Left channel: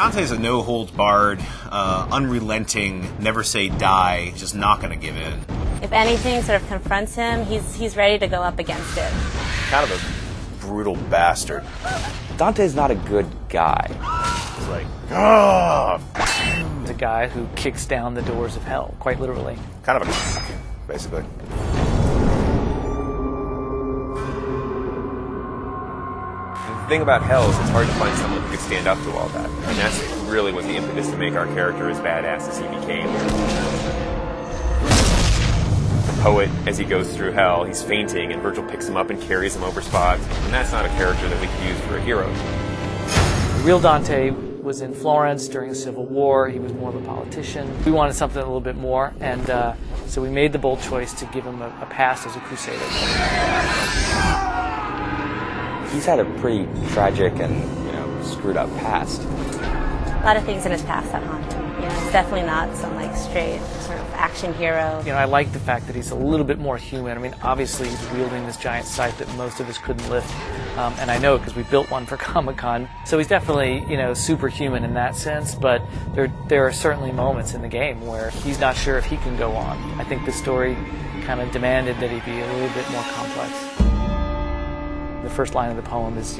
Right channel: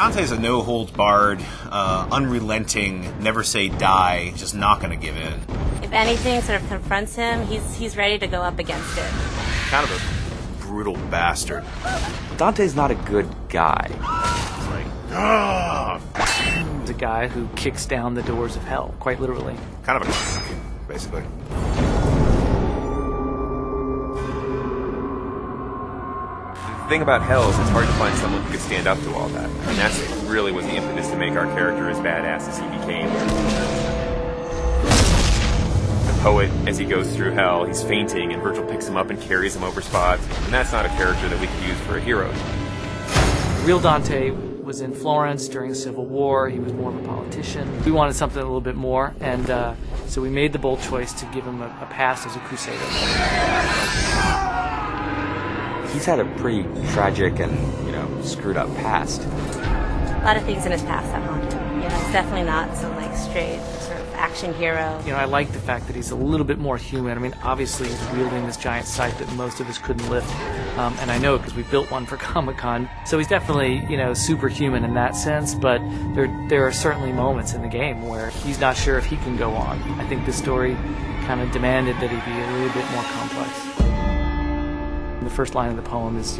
Dante's a no-holds-barred, unrelenting, never say die, just not going to give in. If anything sort of confronts him, he's ready to go up against it. Kind of a brutal bastard. Dante's not a good guy. He's like, ah! He's a guy who kicks down the doors of hell, quite literally. Kind of a basically. The thing about hell is it's hard to find someone who could stand up to all that. And that's really what the impetus to make our character as badass as he became. The poet, as he goes through hell, he's fainting, and Virgil picks him up and carries him over spots. And that's not a character that we could use for a hero. Real Dante was in Florence during the Civil War. He was more of a politician. We wanted something a little bit more, and so we made the bold choice to give him a past as a crusader. He's had a pretty tragic and, screwed up past. A lot of things in his past that haunt him. He's definitely not some straight sort of action hero. I like the fact that he's a little bit more human. I mean, obviously he's wielding this giant scythe that most of us couldn't lift, and I know because we built one for Comic-Con. So he's definitely, superhuman in that sense. But there are certainly moments in the game where he's not sure if he can go on. I think the story kind of demanded that he be a little bit more complex. The first line of the poem is,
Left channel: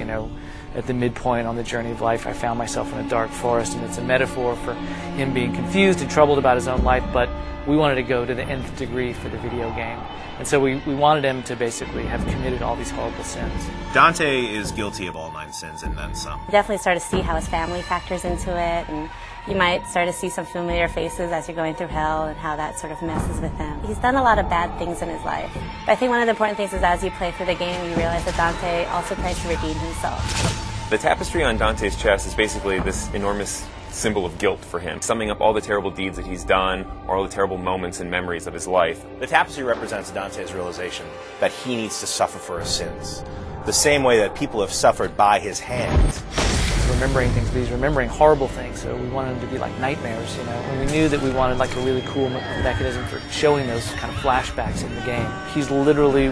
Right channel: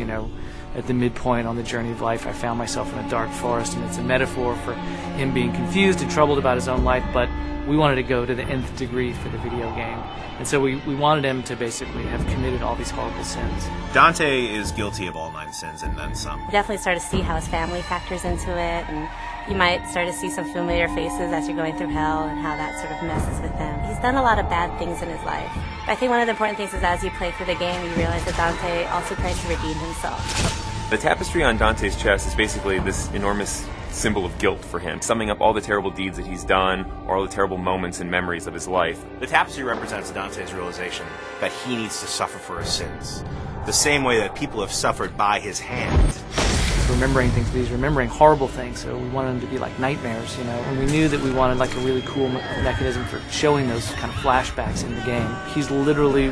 at the midpoint on the journey of life, I found myself in a dark forest, and it's a metaphor for him being confused and troubled about his own life, but we wanted to go to the nth degree for the video game. And so we wanted him to basically have committed all these horrible sins. Dante is guilty of all 9 sins and then some. Definitely start to see how his family factors into it, and you might start to see some familiar faces as you're going through hell and how that sort of messes with him. He's done a lot of bad things in his life. I think one of the important things is as you play through the game, you realize that Dante also tries to redeem himself. The tapestry on Dante's chest is basically this enormous symbol of guilt for him, summing up all the terrible deeds that he's done, or all the terrible moments and memories of his life. The tapestry represents Dante's realization that he needs to suffer for his sins, the same way that people have suffered by his hand. He's remembering things, but he's remembering horrible things, so we wanted them to be like nightmares, And we knew that we wanted a really cool mechanism for showing those kind of flashbacks in the game. He's literally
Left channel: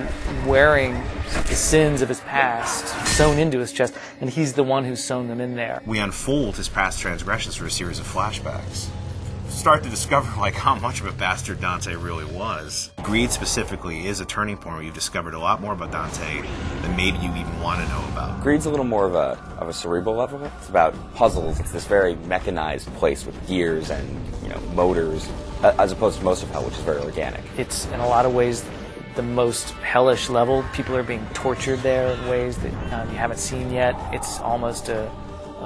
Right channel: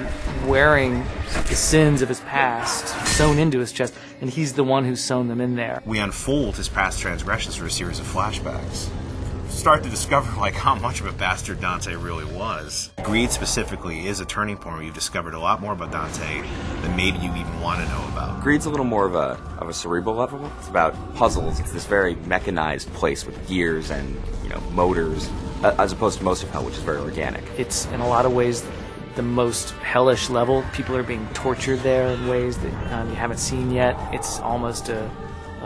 wearing the sins of his past sewn into his chest, and he's the one who's sewn them in there. We unfold his past transgressions through a series of flashbacks. Start to discover how much of a bastard Dante really was. Greed specifically is a turning point where you've discovered a lot more about Dante than maybe you even want to know about. Greed's a little more of a cerebral level. It's about puzzles. It's this very mechanized place with gears and motors, as opposed to most of hell, which is very organic. It's in a lot of ways the most hellish level. People are being tortured there in ways that you haven't seen yet. It's almost a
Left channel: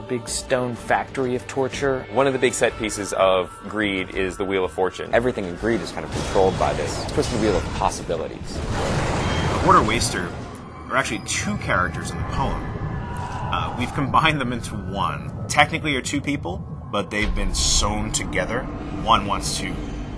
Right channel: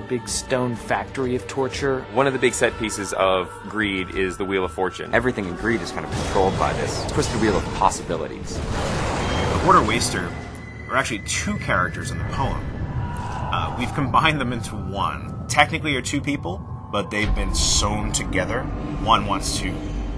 big stone factory of torture. One of the big set pieces of Greed is the Wheel of Fortune. Everything in Greed is kind of controlled by this crystal wheel of possibilities. The Hoarder Waster are actually 2 characters in the poem. We've combined them into one. Technically are 2 people, but they've been sewn together. One wants to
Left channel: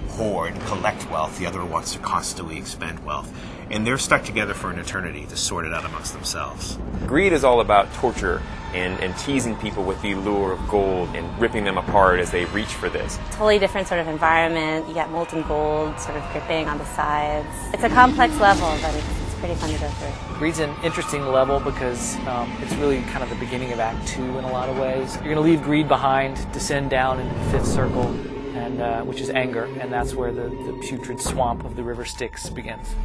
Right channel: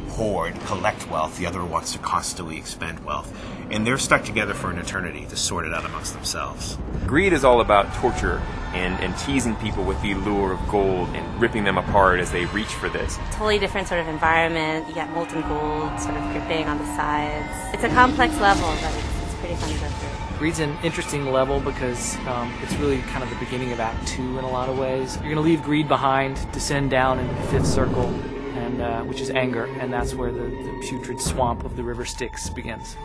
hoard, collect wealth, the other wants to constantly expend wealth. And they're stuck together for an eternity to sort it out amongst themselves. Greed is all about torture and teasing people with the allure of gold and ripping them apart as they reach for this. Totally different sort of environment. You got molten gold sort of dripping on the sides. It's a complex level, but it's pretty fun to go through. Greed's an interesting level because it's really kind of the beginning of Act 2 in a lot of ways. You're going to leave Greed behind, descend down into the 5th circle, and which is anger, and that's where the putrid swamp of the river Styx begins.